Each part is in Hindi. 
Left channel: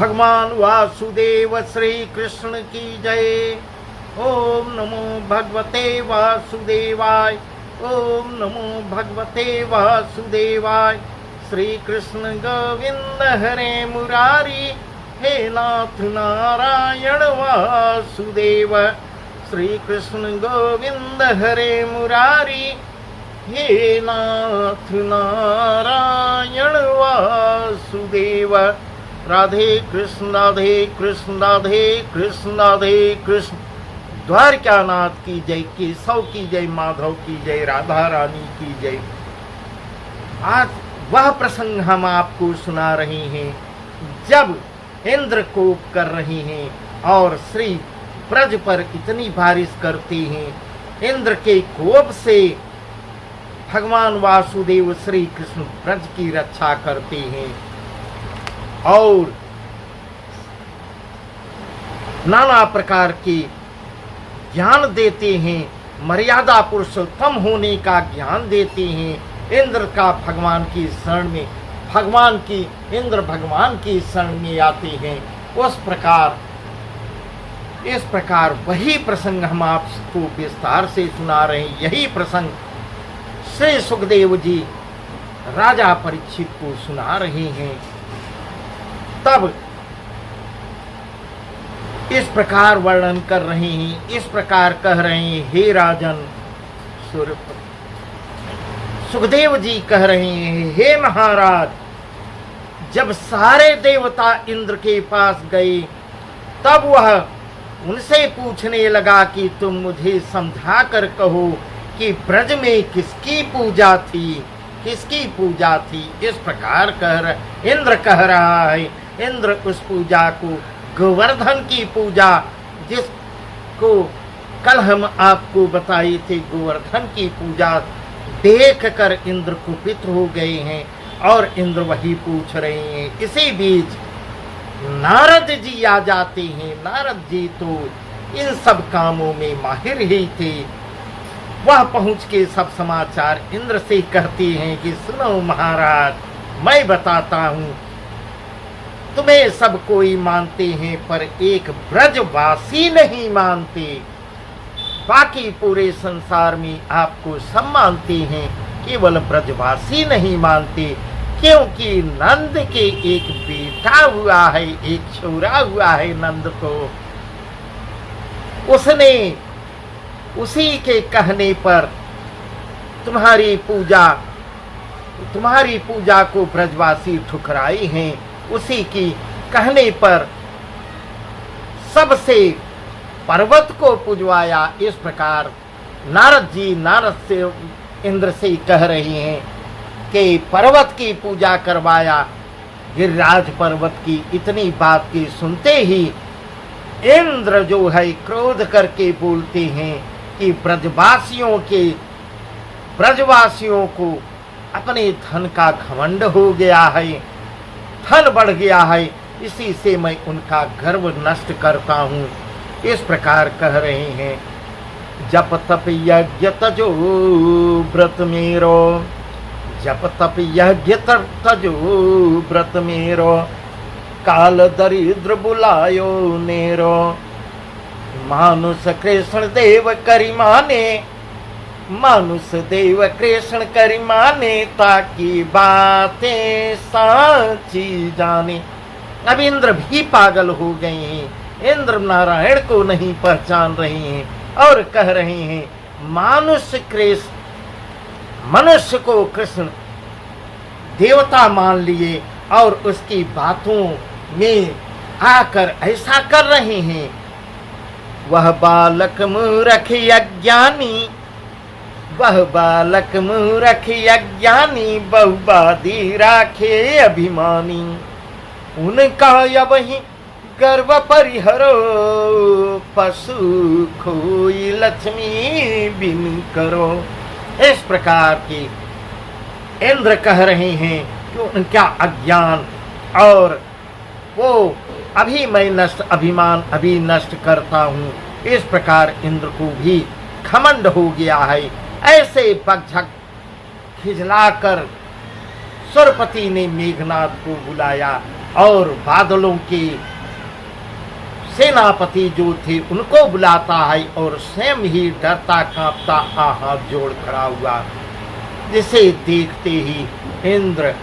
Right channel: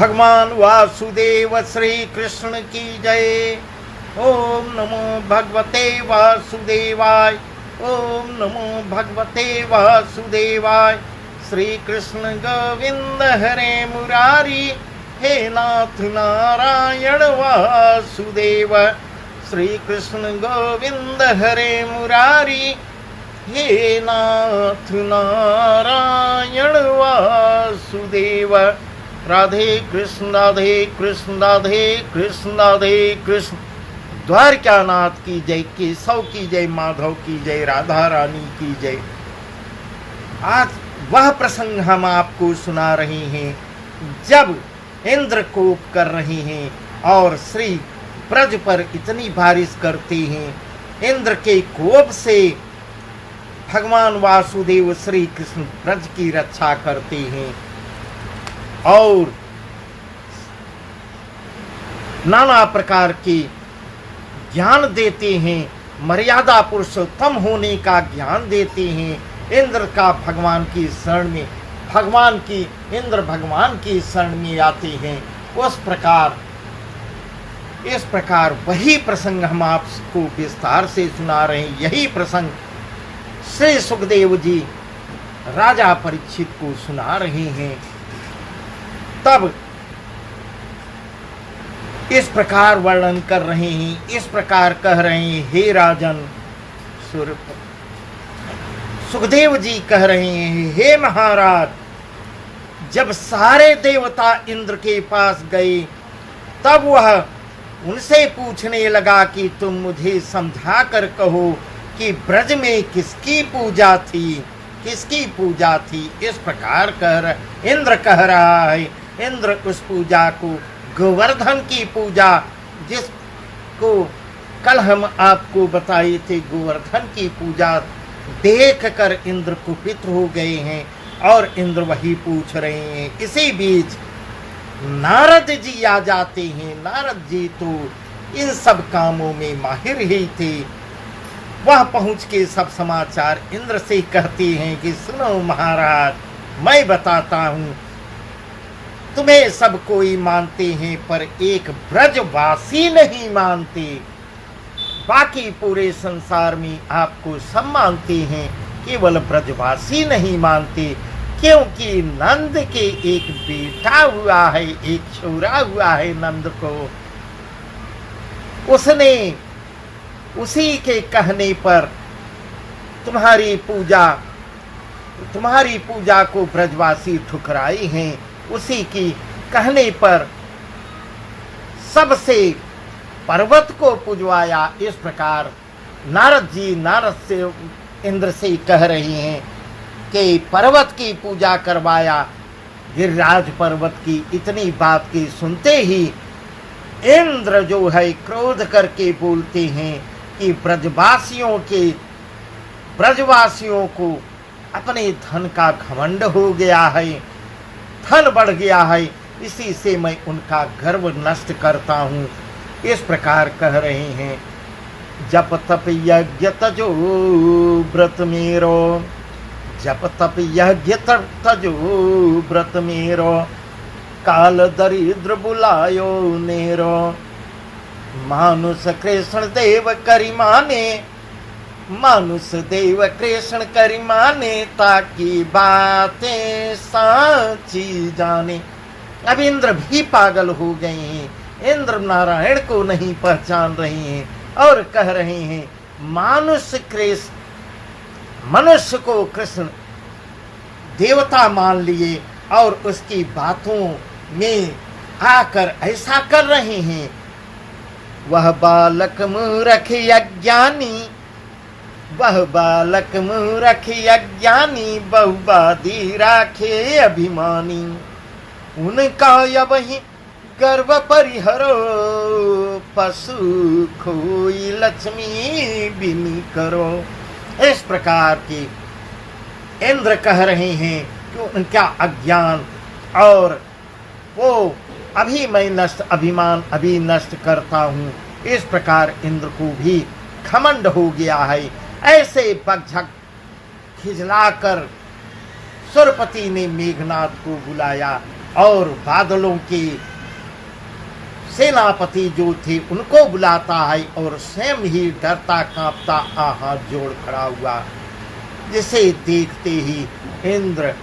भगवान वासुदेव श्री कृष्ण की जय। ओम नमो भगवते वासुदेवाय। ओम नमो भगवते वासुदेवाय। श्री कृष्ण गोविंद हरे मुरारी, हे नाथ नारायण वासुदेव। श्री कृष्ण गोविंद हरे मुरारी, हे नाथ नारायण वासुदेव। राधे कृष्ण राधे कृष्ण राधे कृष्ण राधे कृष्ण। द्वारकानाथ की जय, केशव की जय, माधव की जय, राधा रानी की जय। आज वह प्रसंग हम आपको सुना रहे हैं जब इंद्र कोप कर रहे हैं और श्री ब्रज पर इतनी बारिश करते हैं। इंद्र के कोप से भगवान वासुदेव श्री कृष्ण ब्रज की रक्षा करते हैं और नाना प्रकार के ज्ञान देते हैं, मर्यादा पुरुषोत्तम होने का ज्ञान देते हैं। इंद्र का भगवान की शरण में, भगवान की इंद्र भगवान की शरण में आते हैं। इस प्रकार वही प्रसंग हम आपको विस्तार से सुना रहे हैं। यही प्रसंग श्री सुखदेव जी राजा परीक्षित को सुना रहे हैं। तब इस प्रकार वर्णन कर रहे हैं, इस प्रकार कह रहे हैं, हे राजन। सुखदेव जी कह रहे हैं, हे महाराज, जब सारे देवता इंद्र के पास गए तब वह उनसे पूछने लगा कि तुम मुझे समझा कर कहो कि ब्रज में किसकी पूजा थी, किसकी पूजा थी। इस प्रकार इंद्र कह रहा है। इंद्र उस पूजा को, गोवर्धन की पूजा, जिसको कल हम आपको बताए थे, गोवर्धन की पूजा देख कर इंद्र कुपित हो गए हैं और इंद्र वही पूछ रहे हैं। इसी बीच नारद जी आ जाते हैं। नारद जी तो इन सब कामों में माहिर ही थे। वह पहुंच के सब समाचार इंद्र से कहते हैं कि सुनो महाराज, मैं बताता हूँ, तुम्हें सब कोई मानते हैं पर एक ब्रजवासी नहीं मानते। बाकी पूरे संसार में आपको सब मानते हैं, केवल ब्रजवासी नहीं मानते। क्योंकि नंद के एक बेटा हुआ है, एक छोरा हुआ है नंद को। उसने उसी के कहने पर तुम्हारी पूजा को ब्रजवासी ठुकराए हैं। उसी की कहने पर सबसे पर्वत को पुजवाया। इस प्रकार नारद से इंद्र से कह रहे हैं कि पर्वत की पूजा करवाया, गिरिराज पर्वत की। इतनी बात की सुनते ही इंद्र जो है क्रोध करके बोलते हैं कि ब्रजवासियों को अपने धन का घमंड हो गया है, धन बढ़ गया है, इसी से मैं उनका गर्व नष्ट करता हूँ। इस प्रकार कह रहे हैं, जप तप यज्ञ तजो व्रत मेरो, जप तप यज्ञ तजो व्रत मेरो, काल दरिद्र बुलायो नेरो, मानुष कृष्ण देव करिमाने, मानुष देव कृष्ण करिमाने, ताकि बातें साची जाने। अब इंद्र भी पागल हो गए हैं। इंद्र नारायण को नहीं पहचान रहे हैं और कह रहे हैं, मनुष्य को कृष्ण देवता मान लिए और उसकी बातों में आकर ऐसा कर रहे हैं। वह बालक मूर्ख अज्ञानी, वह बालक मूर्ख अज्ञानी, बहुबादी राखे अभिमानी, उनका यही गर्व परिहरो, पशु खोई लक्ष्मी बिनी करो। इस प्रकार की इंद्र कह रहे हैं कि उनका अज्ञान और वो अभिमान अभी नष्ट करता हूँ। इस प्रकार इंद्र को भी घमंड हो गया है। ऐसे पक्षक खिजलाकर सुरपति ने मेघनाथ को बुलाया और बादलों के सेनापति जो थे उनको बुलाता है और स्वयं ही डरता कांपता हाथ जोड़ खड़ा हुआ, जिसे देखते ही इंद्र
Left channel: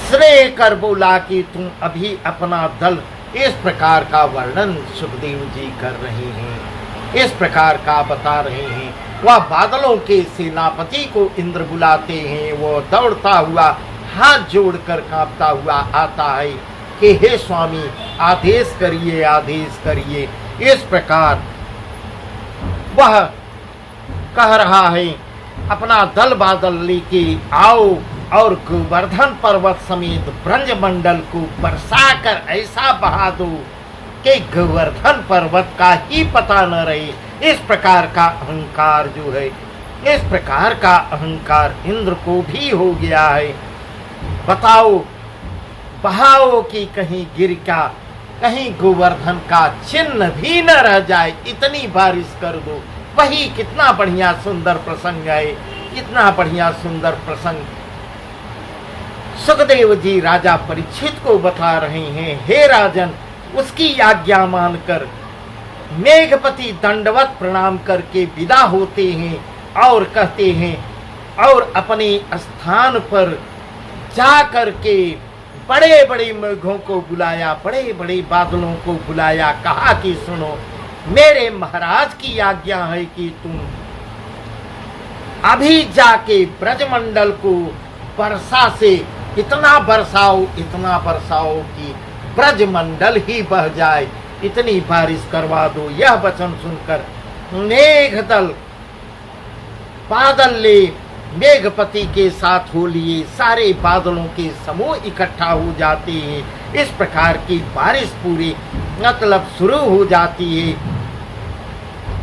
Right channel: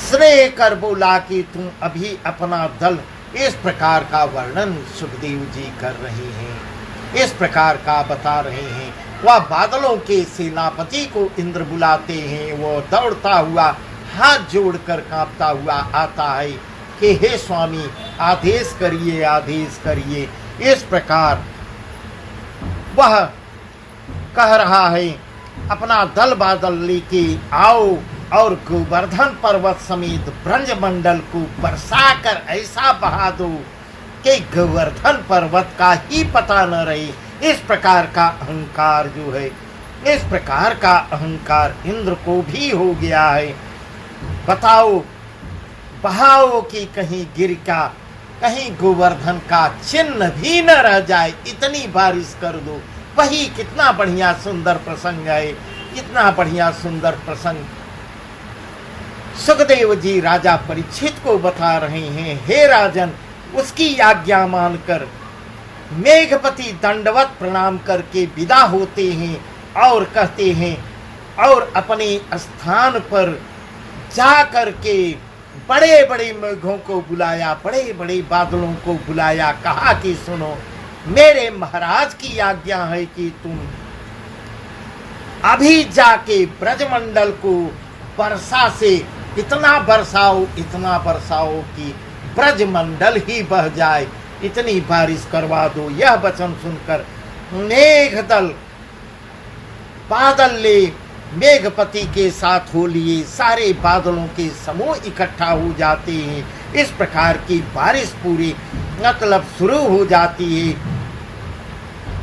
श्रेय कर बोला कि तुम अभी अपना दल, इस प्रकार का वर्णन सुखदेव जी कर रहे हैं, इस प्रकार का बता रहे हैं। वह बादलों के सेनापति को इंद्र बुलाते हैं, वो दौड़ता हुआ हाथ जोड़कर कांपता हुआ आता है कि हे स्वामी आदेश करिए, आदेश करिए। इस प्रकार वह कह रहा है अपना दल बादल लेके आओ और गोवर्धन पर्वत समेत ब्रजमंडल को बरसाकर ऐसा बहा दो कि गोवर्धन पर्वत का ही पता न रहे। इस प्रकार का अहंकार जो है, इस प्रकार का अहंकार इंद्र को भी हो गया है। बताओ, बहाओ कि कहीं गिर का, कहीं गोवर्धन का चिन्ह भी न रह जाए, इतनी बारिश कर दो। वही कितना बढ़िया सुंदर प्रसंग है, कितना बढ़िया सुंदर प्रसंग सुखदेव जी राजा परीक्षित को बता रहे हैं। हे राजन, उसकी आज्ञा मानकर मेघपति दंडवत प्रणाम करके विदा होते हैं और कहते हैं, और अपने स्थान पर जा करके बड़े बड़े मेघों को बुलाया, बड़े बड़े बादलों को बुलाया, कहा कि सुनो, मेरे महाराज की आज्ञा है कि तुम अभी जाके ब्रजमंडल को वर्षा से इतना बरसाओ कि ब्रजमंडल ही बह जाए, इतनी बारिश करवा दो। यह वचन सुनकर मेघदल बादल ले मेघपति के साथ हो लिए सारे बादलों के समूह इकट्ठा हो जाते हैं। इस प्रकार की बारिश पूरी मतलब शुरू हो जाती है।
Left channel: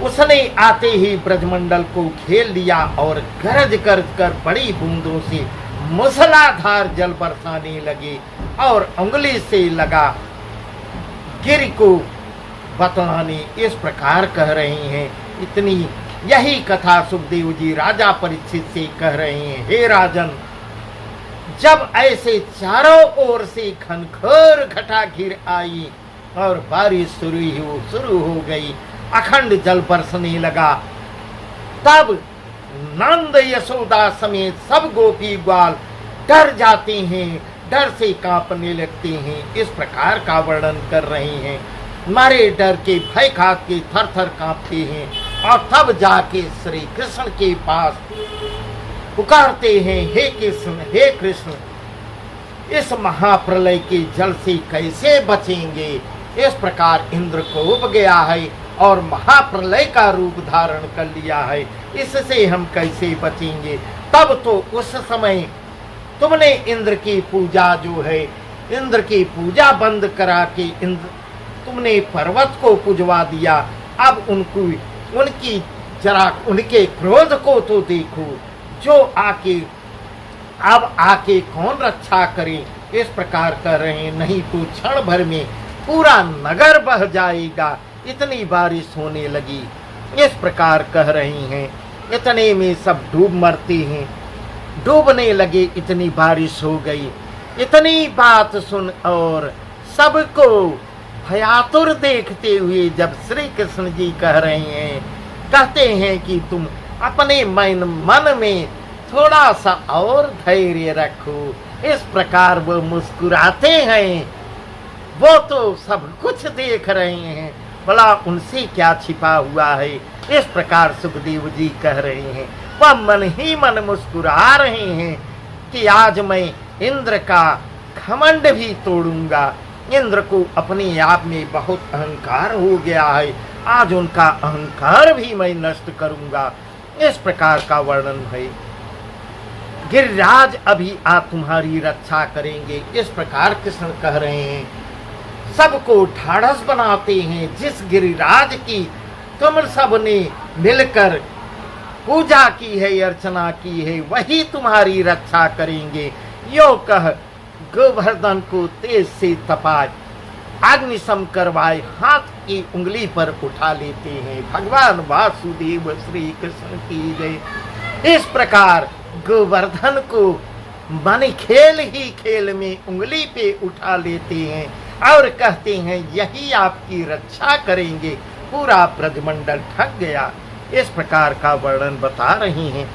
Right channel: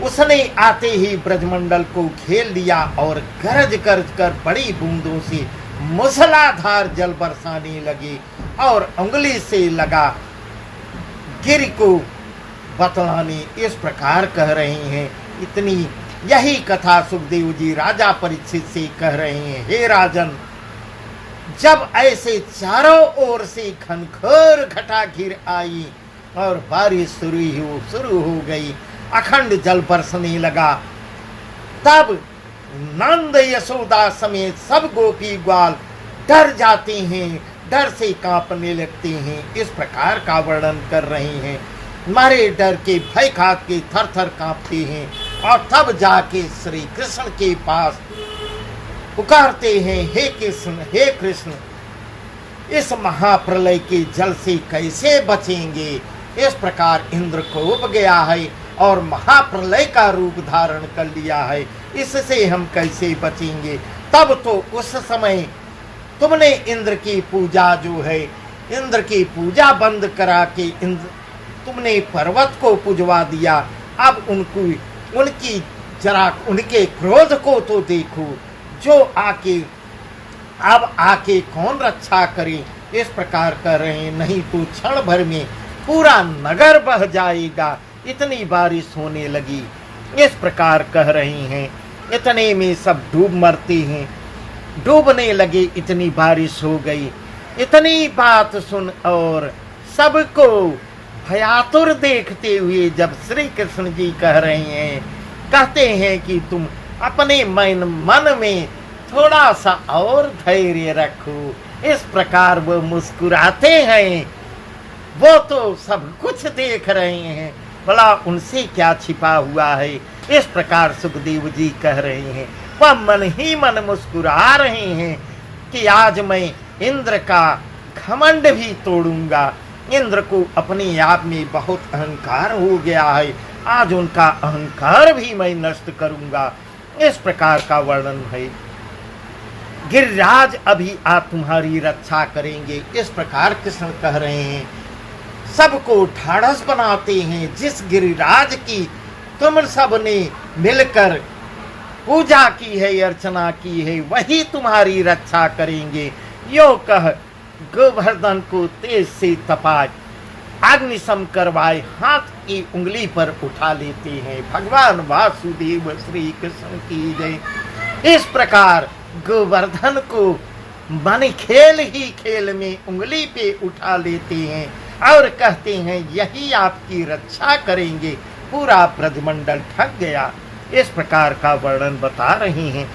उसने आते ही ब्रजमंडल को घेर लिया और गरज गरज कर बड़ी बूंदों से मूसलाधार जल बरसाने लगे और उंगली से लगा गिर को बतलाने। इस प्रकार कह रहे हैं। इतनी यही कथा सुखदेव जी राजा परीक्षित से कह रहे हैं। हे राजन, जब ऐसे चारों ओर से घनघोर घटा घिर आई और बारिश शुरू हो गई, अखंड जल बरसने लगा, तब नंद यशोदा समेत सब गोपी ग्वाल डर जाते हैं, डर से कांपने लगते हैं। इस प्रकार का वर्णन कर रहे हैं। मारे डर के भय खा के थर थर कांपते हैं और तब जाके श्री कृष्ण के पास पुकारते हैं, हे कृष्ण, हे कृष्ण, इस महाप्रलय के जल से कैसे बचेंगे। इस प्रकार इंद्र को उब गया है और महाप्रलय का रूप धारण कर लिया है, इससे हम कैसे बचेंगे। तब तो उस समय तुमने इंद्र की पूजा जो है, इंद्र की पूजा बंद करा के तुमने पर्वत को पुजवा दिया। अब उनके क्रोध को तो देखो, जो आके कौन रक्षा करे। इस प्रकार कर रहे हैं, नहीं तो क्षण भर में पूरा नगर बह जाएगा, इतनी बारिश होने लगी। इस प्रकार कह रहे हैं। इतने में सब डूब मरते हैं, डूबने लगे, इतनी बारिश हो गई। इतनी बात सुन और सबको भयातुर देखते हुए जब श्री कृष्ण जी कह रहे हैं, कहते हैं कि तुम अपने मन में थोड़ा सा और धैर्य रखो। इस प्रकार वो मुस्कुराते हैं, वो तो सब कुछ देख रहे हैं, भला उनसे क्या छिपा हुआ है। इस प्रकार सुखदेव जी कह रहे हैं। वह मन ही मन मुस्कुरा रहे हैं कि आज मैं इंद्र का घमंड भी तोड़ूंगा। इंद्र को अपने आप में बहुत अहंकार हो गया है, आज उनका अहंकार भी मैं नष्ट करूंगा। इस प्रकार का वर्णन है। गिरिराज अभी आप तुम्हारी रक्षा करेंगे। इस प्रकार कृष्ण कह रहे हैं। सबको ढाढ़स बनाते हैं। जिस गिरिराज की तुम सब ने मिलकर पूजा की है, अर्चना की है, वही तुम्हारी रक्षा करेंगे। यो कह गोवर्धन को तेज से तपाए, अग्निशम करवाए, हाथ की उंगली पर उठा लेते हैं। भगवान वासुदेव श्री कृष्ण की जय। इस प्रकार गोवर्धन को मन खेल ही खेल में उंगली पे उठा लेते हैं और कहते हैं यही आपकी रक्षा करेंगे, पूरा ब्रजमंडल ठग गया। इस प्रकार का वर्णन बता रहे हैं।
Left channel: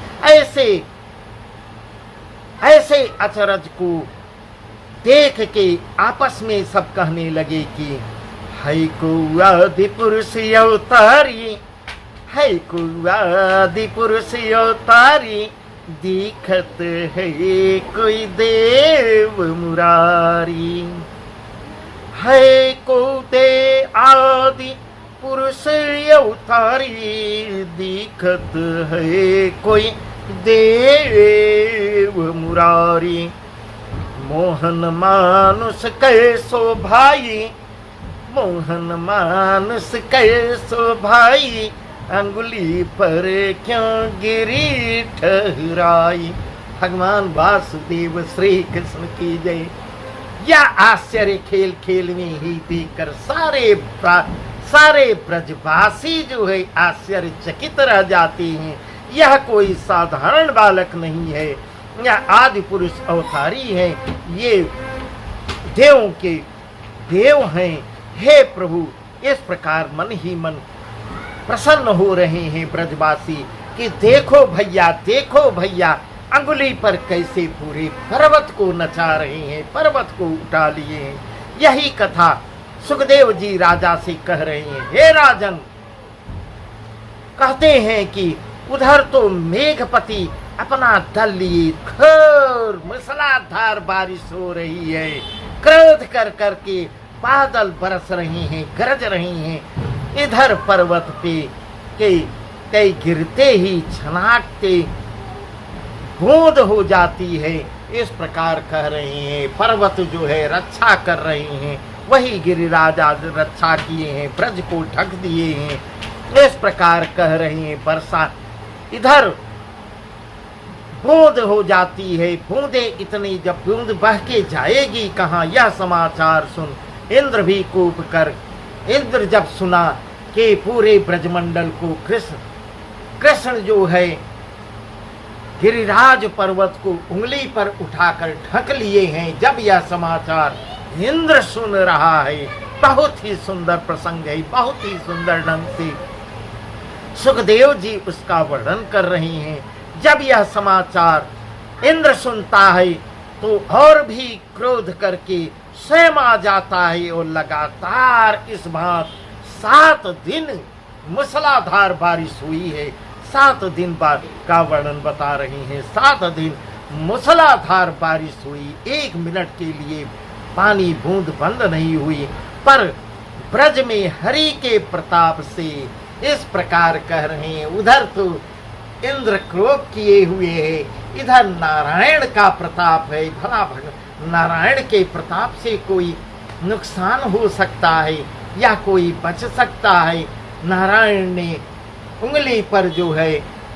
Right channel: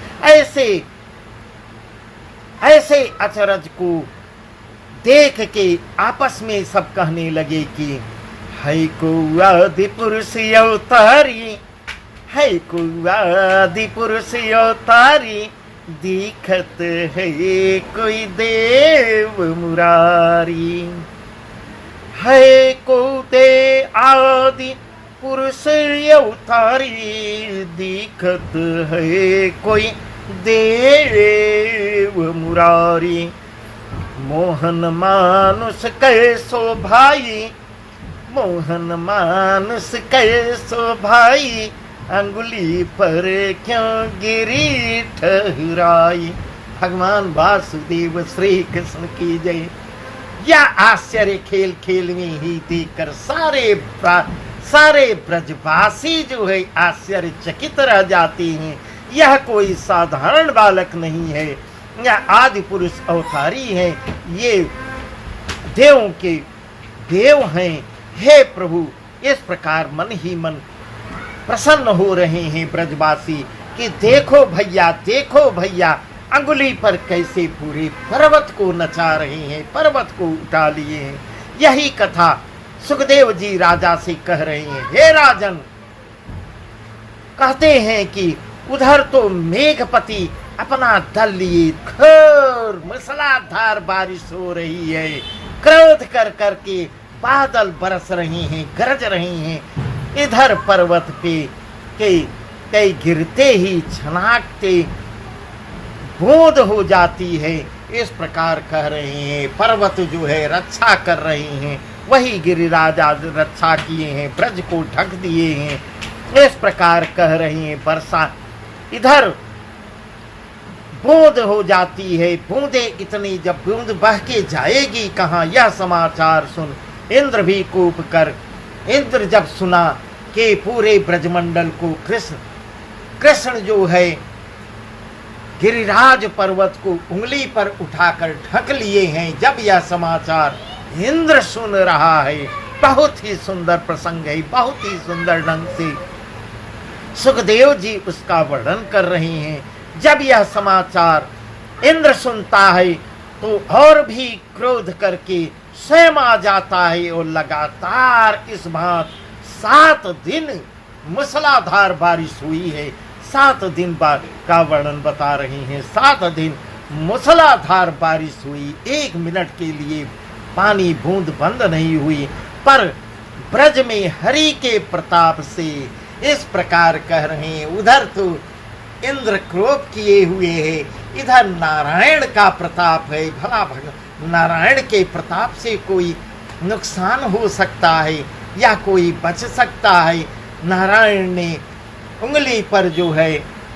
ऐसे अचरज को देख के आपस में सब कहने लगे कि है को आदि पुरुष अवतारी, है को आदि पुरुष अवतारी, दिखत है कोई देव मुरारी। है को दे आदि पुरुष अवतारी, दिखत है कोई देव मुरारी। मोहन मानुष कैसो भाई, मोहन मानुष कैसो भाई, अंगुली पर क्यों गिरी ठहराई। भगवान वासुदेव श्री कृष्ण की जय। यह आश्चर्य खेल खेल में ही देखकर सारे ब्रजवासी जो है आश्चर्यचकित रह जाते हैं। यह कोई साधारण बालक नहीं है, यह आदि पुरुष अवतारी है, ये देवों के देव हैं। हे प्रभु, इस प्रकार मन ही मन प्रसन्न हो रहे हैं ब्रजवासी कि देखो भैया, अंगुली पर कैसे पूरे पर्वत को नचा रहे हैं, पर्वत को उठा लिए हैं। यही कथा सुखदेव जी राजा से कह रहे हैं। हे राजन, कहते हैं कि उधर तो मेघपति अपना दल लिए घोर मूसलाधार बारिश हो रही है, क्रोध कर करके बादल बरस रहे हैं, गरज रहे हैं। इधर पर्वत पे कई गिरते ही छनाकते बूंद हो जाती है। इस प्रकार कह रहे हैं। पर्वत जो है रक्षा कर रहे हैं, वही गिरिराज रक्षा किए हैं, ब्रज को ढक दिए हैं। इस प्रकार कह रहे हैं। वर्षा इधर बूंद हो जाती है, बूंदे इतनी, जब बूंद बह के जाएगी कहाँ, यह समाचार सुन इंद्र भी कूप कर, इंद्र जब सुना कि पूरे ब्रजमंडल को कृष्ण जो है गिरिराज पर्वत को उंगली पर उठाकर ढक लिए हैं, जब यह समाचार इंद्र सुन रहा है, बहुत ही सुंदर प्रसंग है, बहुत ही सुंदर ढंग से सुखदेव जी उसका वर्णन कर रहे हैं। जब यह समाचार इंद्र सुनता है तो और भी क्रोध करके स्वयं आ जाता है और लगातार इस बात 7 दिन मूसलाधार बारिश हुई है। 7 दिन बाद का वर्णन बता रहे हैं। 7 दिन मूसलाधार बारिश हुई, 1 मिनट के लिए पानी बूंद बंद नहीं हुई। पर ब्रज में हरि के प्रताप से इस प्रकार कह रहे हैं। उधर तो इंद्र क्रोध किए हुए है, इधर नारायण का प्रताप है। भला नारायण के प्रताप से कोई नुकसान हो सकता है या कोई बच सकता है? नारायण ने उंगली पर जो है,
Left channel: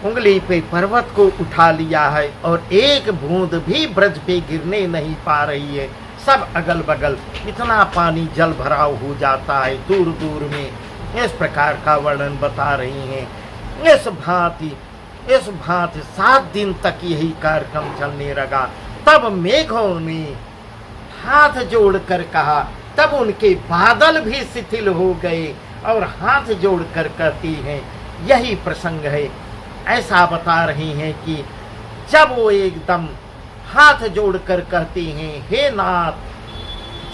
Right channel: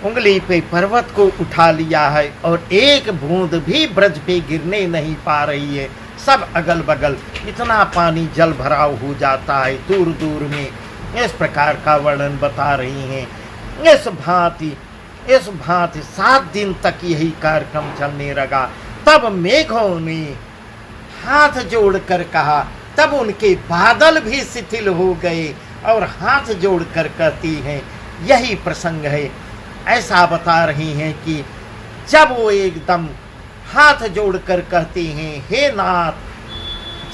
उंगली पे पर्वत को उठा लिया है और एक बूंद भी ब्रज पे गिरने नहीं पा रही है। सब अगल बगल इतना पानी जल भराव हो जाता है दूर दूर में। इस प्रकार का वर्णन बता रही हैं। इस भांति 7 दिन तक यही कार्यक्रम चलने लगा। तब मेघों ने हाथ जोड़कर कहा, तब उनके बादल भी शिथिल हो गए और हाथ जोड़कर कहती हैं, यही प्रसंग है। ऐसा बता रही हैं कि जब वो एकदम हाथ जोड़कर कहते हैं, हे नाथ,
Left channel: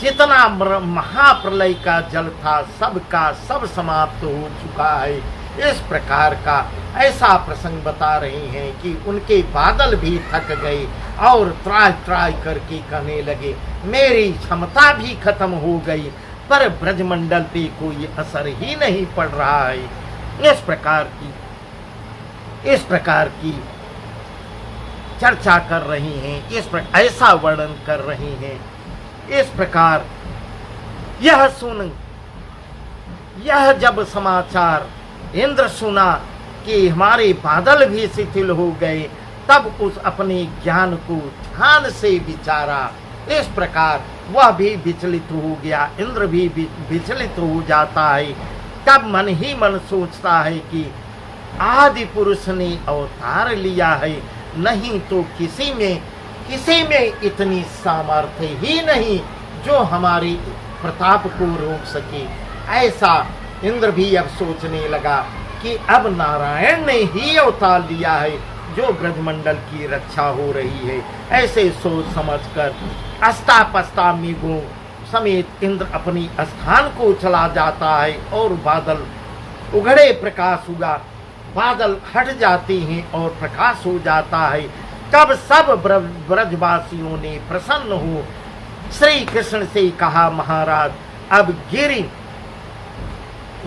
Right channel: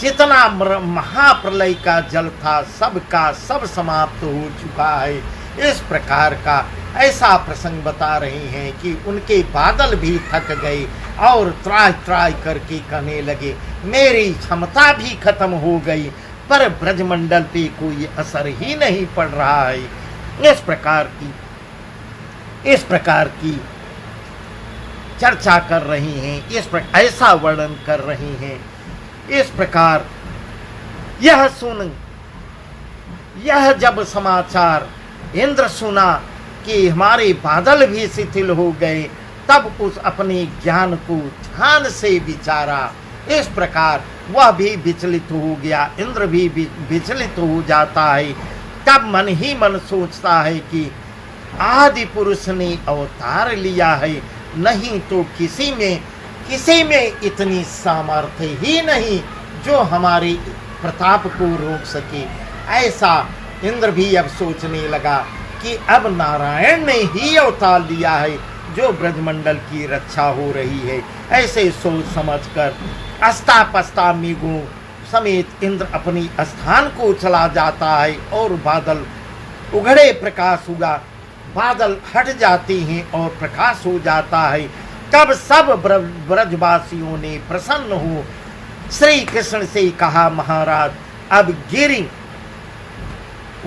जितना महाप्रलय का जल था सबका सब समाप्त हो चुका है। इस प्रकार का ऐसा प्रसंग बता रहे हैं कि उनके बादल भी थक गए और त्राय करके कहने लगे, मेरी क्षमता भी खत्म हो गई, पर ब्रजमंडल पे कोई असर ही नहीं पड़ रहा है। इस प्रकार की चर्चा कर रही हैं, ऐसा वर्णन कर रही हैं। इस प्रकार यह जब समाचार इंद्र सुना कि हमारे बादल भी शिथिल हो गए, तब उस अपने ज्ञान को ध्यान से विचारा। इस प्रकार वह भी विचलित हो गया, इंद्र भी विचलित हो जाता है। तब मन ही मन सोचता है कि आदि पुरुष ने अवतार लिया है, नहीं तो किसी में किसी में इतनी सामर्थ्य ही नहीं जो हमारी प्रताप को रोक सके। ऐसा इंद्र भी अब सोचने लगा कि अब नारायण ने ही अवतार लिया है जो ब्रजमंडल की रक्षा हो रही है। ऐसे सोच समझकर अस्ता पस्ता मृगों समेत इंद्र अपनी स्थान को चला जाता है और बादल उघड़े प्रकाश हुआ, बादल हट जाते हैं और प्रकाश हो जाता है। तब सब ब्रजवासियों ने प्रसन्न हो श्री कृष्ण से कहा, महाराज अब गिरि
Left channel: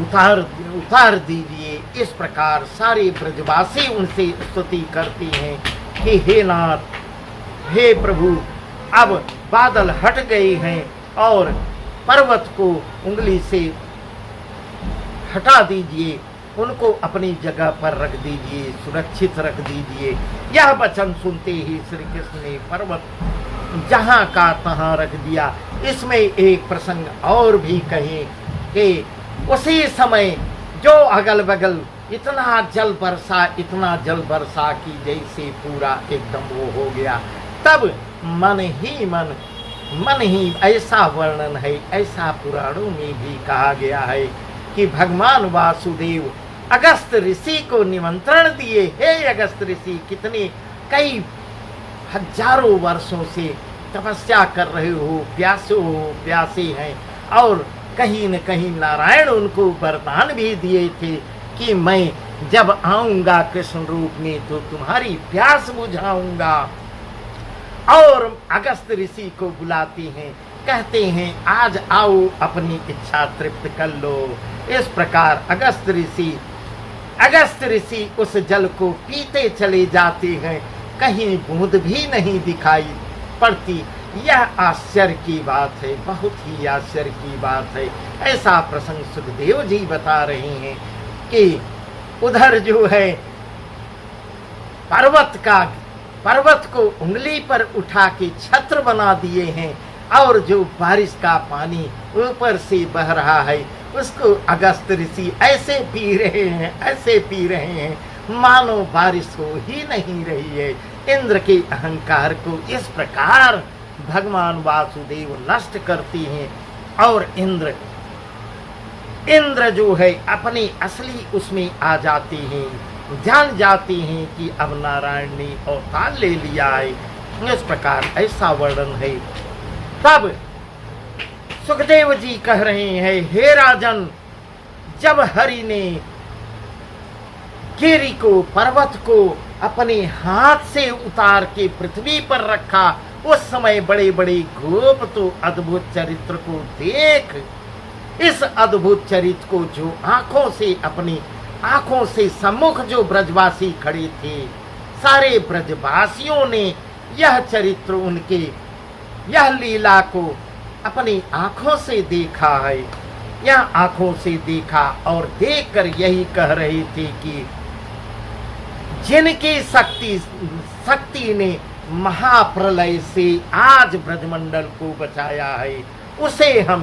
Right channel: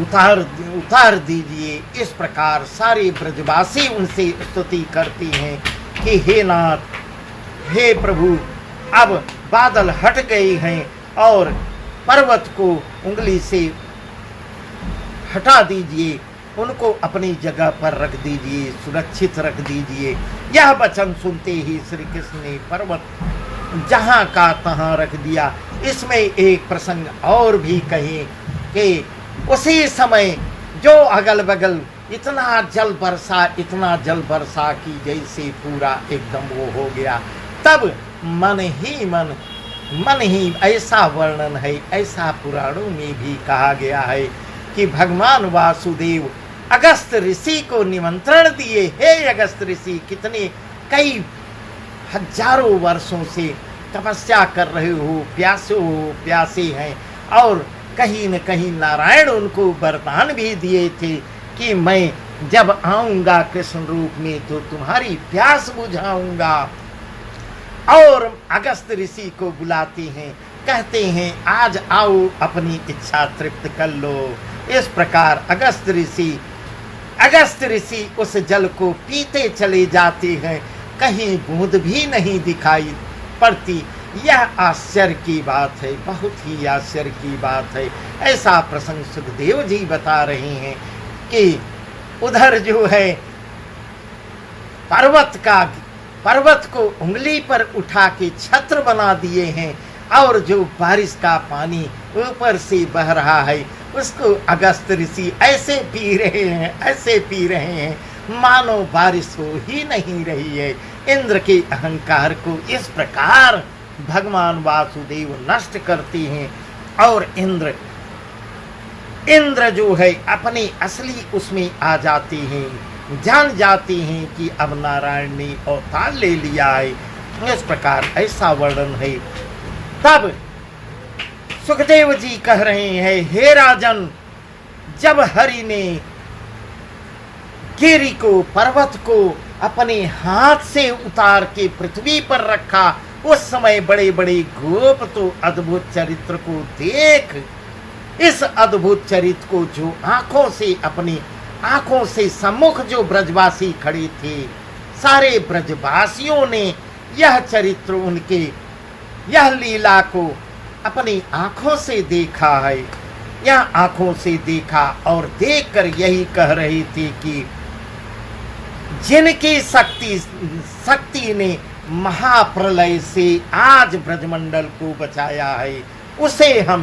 उतार दीजिए। इस प्रकार सारे ब्रजवासी उनसे स्तुति करते हैं कि हे नाथ, हे प्रभु, अब बादल हट गए हैं और पर्वत को उंगली से हटा दीजिए, उनको अपनी जगह पर रख दीजिए, सुरक्षित रख दीजिए। यह वचन सुनते ही श्री कृष्ण ने पर्वत जहाँ का तहाँ रख दिया। इसमें एक प्रसंग और भी कहे कि उसी समय जो अगल बगल इतना जल बरसा की जैसे पूरा एकदम वो हो गया। तब मन ही ऐसा वर्णन है, ऐसा पुराणों में भी कहा गया है कि भगवान वासुदेव अगस्त ऋषि को निमंत्रण दिए, हे अगस्त ऋषि, कितने कई हजारों वर्षों से तपस्या कर रहे हो, प्यासे हैं, और कहीं न कहीं नारायण उनको वरदान भी दिए थे कि मैं जब आऊंगा कृष्ण रूप में तो तुम्हारी प्यास बुझाऊंगा। और अगस्त ऋषि को बुलाते हैं, कहते हैं आज आओ अपनी इच्छा तृप्त कर लो। इस प्रकार अगस्त ऋषि उस जल को पीते चले जाते हैं, कहीं बूंद भी नहीं दिखाई पड़ती। यह आश्चर्य की बात है, बहुत ही आश्चर्य की बात है। ऐसा प्रसंग सुखदेव जी बता रहे हैं कि उधर जो है पर्वत को उंगली पर उठा के छत्र बना दिए हैं, और जो बारिश का पानी ऊपर से बह रहा है उसको अगस्त ऋषि ऐसे पी रहे हैं मानो बारिश हो ही नहीं रही है। इंद्र के अहंकार को इस प्रकार भगवान वासुदेव नष्ट करते हैं, और इंद्र जो है अपनी असली उसमें आ जाते हैं, जान जाते हैं कि अब नारायण ने अवतार ले लिया है। इस प्रकार ऐसा वर्णन है। तब सुखदेव जी कह रहे हैं, हे राजन, जब हरि ने गिरि को, पर्वत को अपने हाथ से उतार के पृथ्वी पर रखा, उस समय बड़े बड़े गोप तो अद्भुत चरित्र को देख, इस अद्भुत चरित्र को जो अपनी आंखों से सम्मुख जो ब्रजवासी खड़े थे, सारे ब्रजवासियों ने यह चरित्र उनके यह लीला को अपनी आंखों से देखा है। यह आंखों से देखा और देखकर यही कह रहे थे कि जिनकी शक्ति ने महाप्रलय से आज ब्रजमंडल को बचाया है, उसे हम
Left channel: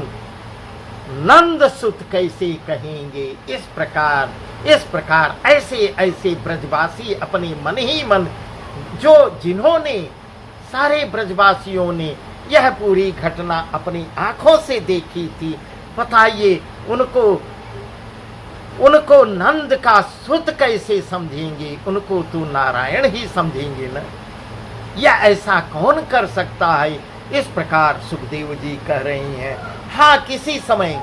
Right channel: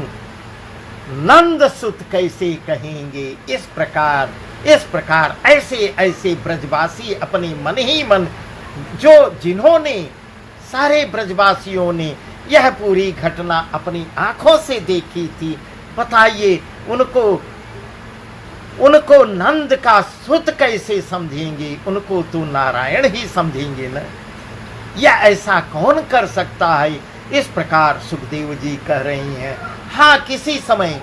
नंद सुत कैसे कहेंगे। इस प्रकार ऐसे ब्रजवासी अपने मन ही मन, जिन्होंने सारे ब्रजवासियों ने यह पूरी घटना अपनी आंखों से देखी थी, बताइए उनको नंद का सुत कैसे समझेंगे, उनको तो नारायण ही समझेंगे न। यह ऐसा कौन कर सकता है। इस प्रकार सुखदेव जी कह रहे हैं। हाँ, किसी समय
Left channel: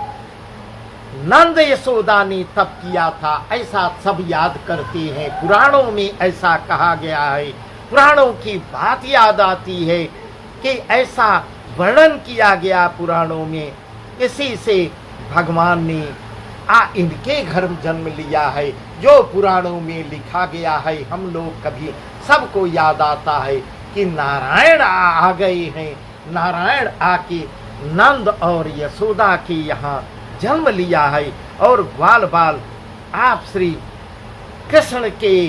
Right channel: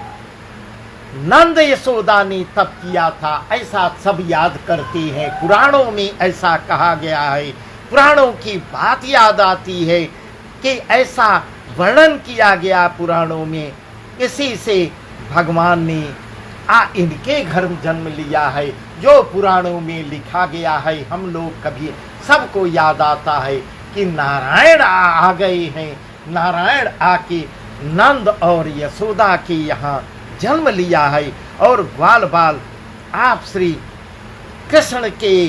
नंद यशोदा ने तप किया था, ऐसा सब याद करते हैं। पुराणों में ऐसा कहा गया है, पुराणों की बात याद आती है कि ऐसा वर्णन किया गया पुराणों में। इसी से भगवान ने इनके घर जन्म लिया है, जो पुराणों में लिखा गया है। हम लोग कभी सबको याद आता है कि नारायण आ गए हैं, नारायण आके नंद और यशोदा के यहाँ जन्म लिया है, और बाल बाल आप श्री कृष्ण के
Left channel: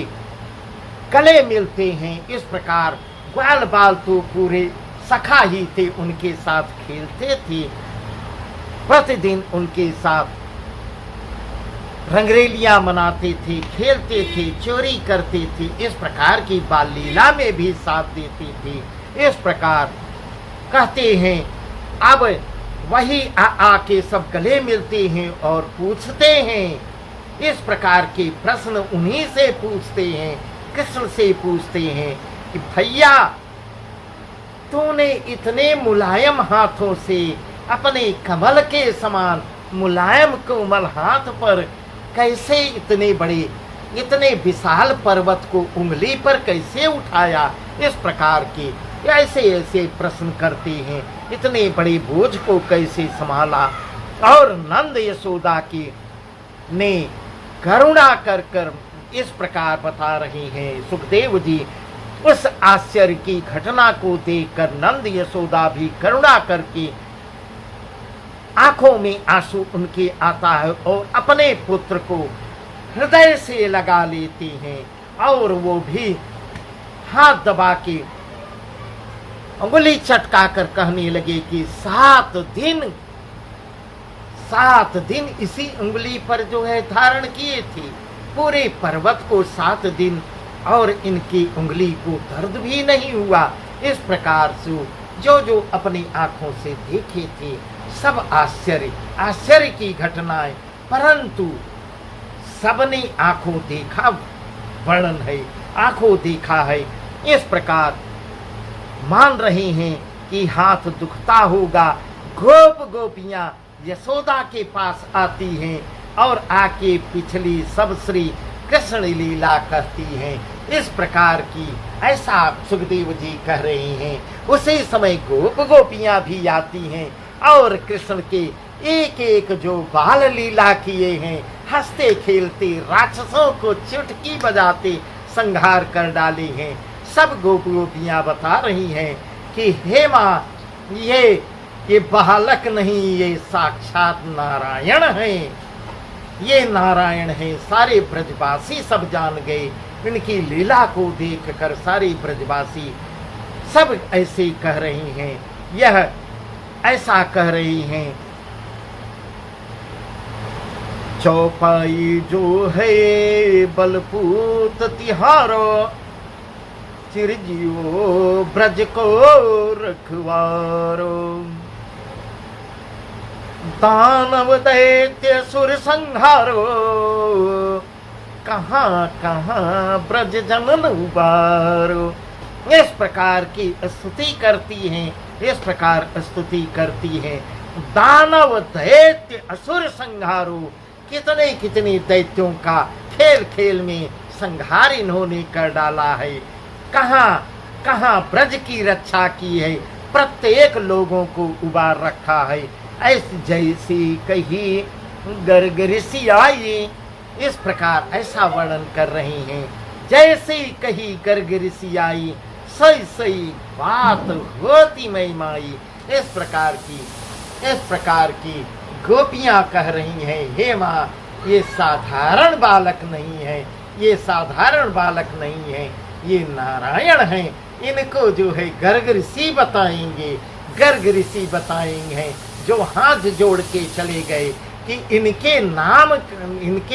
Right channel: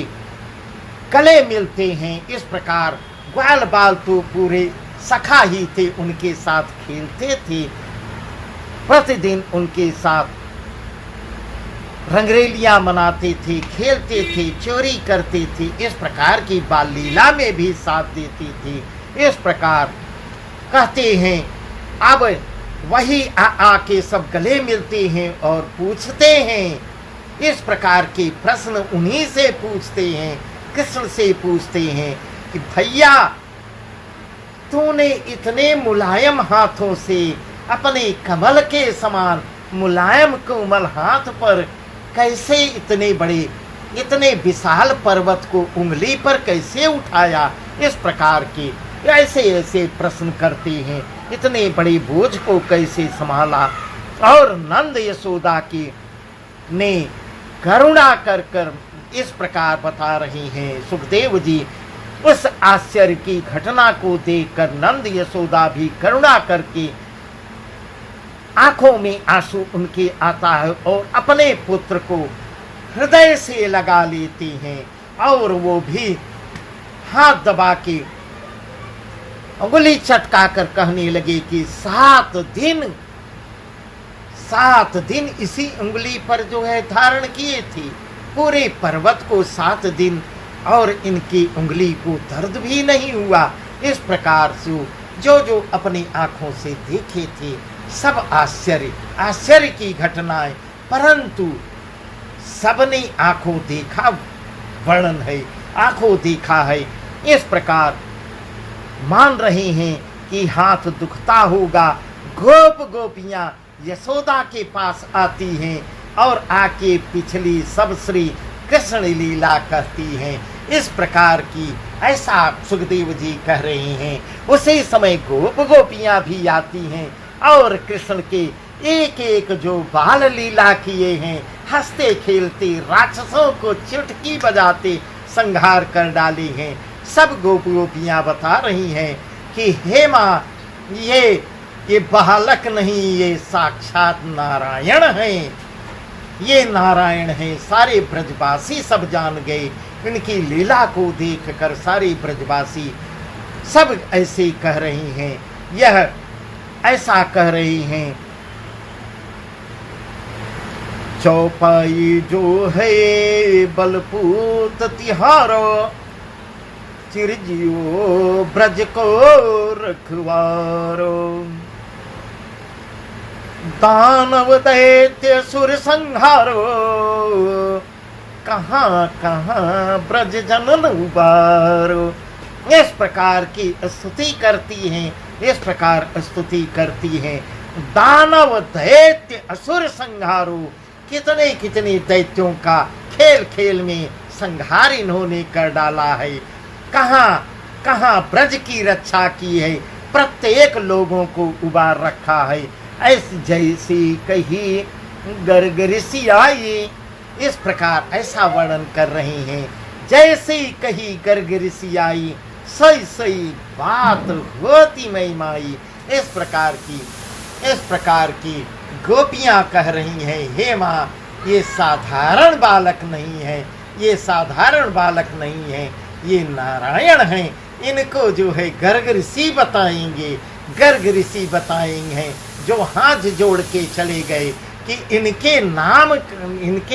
गले मिलते हैं। इस प्रकार ग्वाल बाल तो पूरे सखा ही थे, उनके साथ खेलते थे, प्रतिदिन उनके साथ रंगरेलियां मनाते थे, खेलते थे, चोरी करते थे। इस प्रकार की बाल लीला में भी साथ देते थे। इस प्रकार कहते हैं। अब वही आके सब गले मिलते हैं और पूछते हैं, इस प्रकार के प्रश्न उन्हीं से पूछते हैं, कृष्ण से पूछते हैं कि भैया तूने इतने मुलायम हाथों से अपने कमल के समान मुलायम कोमल हाथ पर कैसे इतने बड़े इतने विशाल पर्वत को उंगली पर कैसे उठाया। इस प्रकार के ऐसे ऐसे प्रश्न करते हैं, इतने बड़े बोझ को कैसे संभाला। और नंद यशोदा की ने करुणा कर कर इस प्रकार बता रहे हैं। सुखदेव जी उस आश्चर्य की घटना को देखकर नंद यशोदा भी करुणा करके आंखों में आंसू उनके आता है और अपने पुत्र को हृदय से लगा लेते हैं और वो भी हाथ दबा के उंगली चटका कर कहने लगे कि 7 दिन इसी उंगली पर जो है धारण किए थे, पूरे पर्वत को 7 दिन और इनकी उंगली को दर्द भी नहीं हुआ। इस प्रकार से जो जो अपनी आंखों से देखे थे सब आश्चर्य की घटनाएं, परंतु सबने आंखों देखा वर्णन है, आंखों देखा है। इस प्रकार मान रहे हैं कि हाथ दुखता होगा। गोपियां यशोदा के पास आती हैं और आके पिछली सब श्री कृष्ण लीला कहती हैं। इस प्रकार की ऐसा सुखदेव जी कह रहे हैं। उसी समय गोपियां भी आती हैं और कृष्ण के एक एक जो बाल लीला किए हैं, हंसते खेलते राक्षसों को चुटकी बजाते संहार कर डाले हैं, सब गोपियां बता रही हैं कि हे माँ ये बालक नहीं, ये साक्षात नारायण हैं, ये नारायण हैं। सारे ब्रजवासी सब जान गए, इनकी लीला को देखकर सारे ब्रजवासी सब ऐसे कह रहे हैं। यह ऐसा कह रही हैं, चौपाई जो है बलपूत तिहारो, चिरजियो ब्रज को रखवारो, दानव दैत्य सुर संहारो, कहाँ कहाँ ब्रज जनन उबारो। इस प्रकार की स्तुति करती हैं, इस प्रकार स्तुति करती हैं। दानव दैत्य असुर संहारो, कितने कितने दैत्यों का खेल खेल में संहार इन्होंने कर डाला है। कहाँ कहाँ ब्रज की रक्षा की है, प्रत्येक लोगों को उबार रखा है। ऐसी जैसी कही गर्ग ऋषि आई, इस प्रकार ऐसा वर्णन कर रहे हैं। जैसे कही गर्ग ऋषि आई, सही बात होती मई माई। इस प्रकार की गोपियां कह रही हैं, हे माँ ये साधारण बालक नहीं है, ये साधारण बालक नहीं है, ये नारायण हैं। इनको जो है गर्ग ऋषि बताएंगे, जो हाथ जोड़ के चले गए कि इनके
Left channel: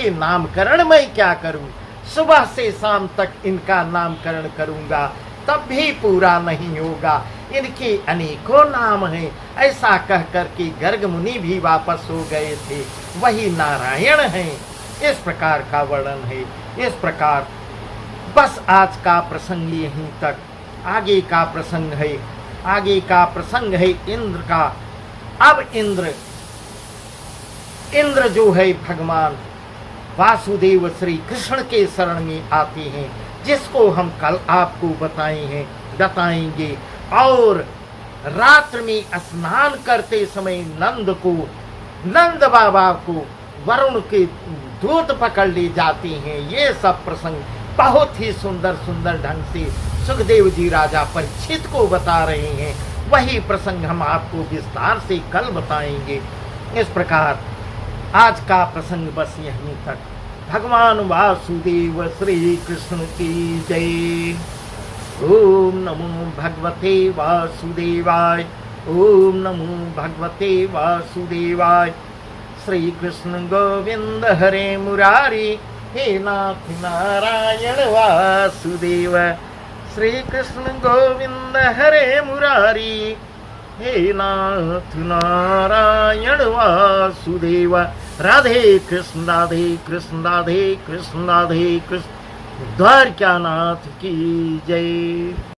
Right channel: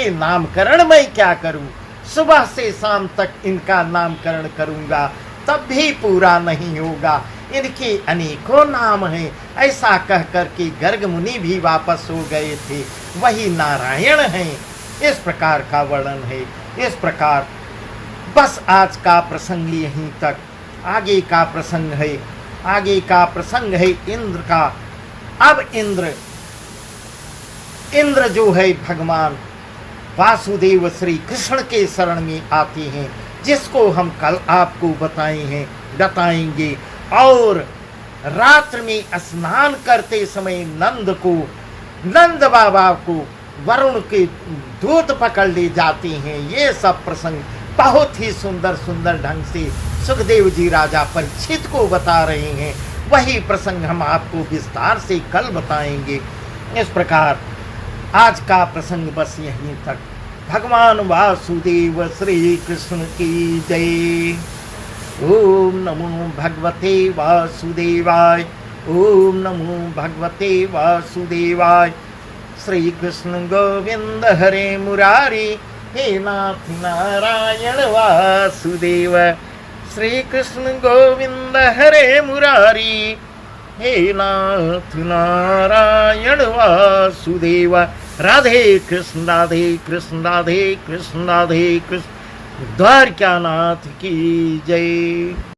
नामकरण मैं क्या करूं, सुबह से शाम तक इनका नामकरण करूंगा तब भी पूरा नहीं होगा, इनके अनेकों नाम हैं। ऐसा कह कर के गर्ग मुनि भी वापस हो गए थे, वही नारायण हैं। इस प्रकार का वर्णन है। इस प्रकार बस आज का प्रसंग यहीं तक। आगे का प्रसंग है इंद्र का। अब इंद्र जो है भगवान वासुदेव श्री कृष्ण के शरण में आते हैं, जिसको हम कल आपको बताएंगे। और रात्र में स्नान करते समय नंद बाबा को वरुण के दूत पकड़ ले जाते हैं। ये सब प्रसंग बहुत ही सुंदर ढंग से सुखदेव जी राजा परीक्षित को बता रहे हैं। वही प्रसंग हम आपको विस्तार से कल बताएंगे। इस प्रकार आज का प्रसंग बस यहीं तक। भगवान वासुदेव श्री कृष्ण की जय। ओम नमो भगवते वासुदेवाय। ओम नमो भगवते वासुदेवाय। श्री कृष्ण गोविंद हरे मुरारी, हे नाथ नारायण वासुदेव। श्री कृष्ण गोविंद हरे मुरारी, हे नाथ नारायण वासुदेव। राधे कृष्ण राधे कृष्ण राधे कृष्ण राधे कृष्ण। द्वारकानाथ की जय।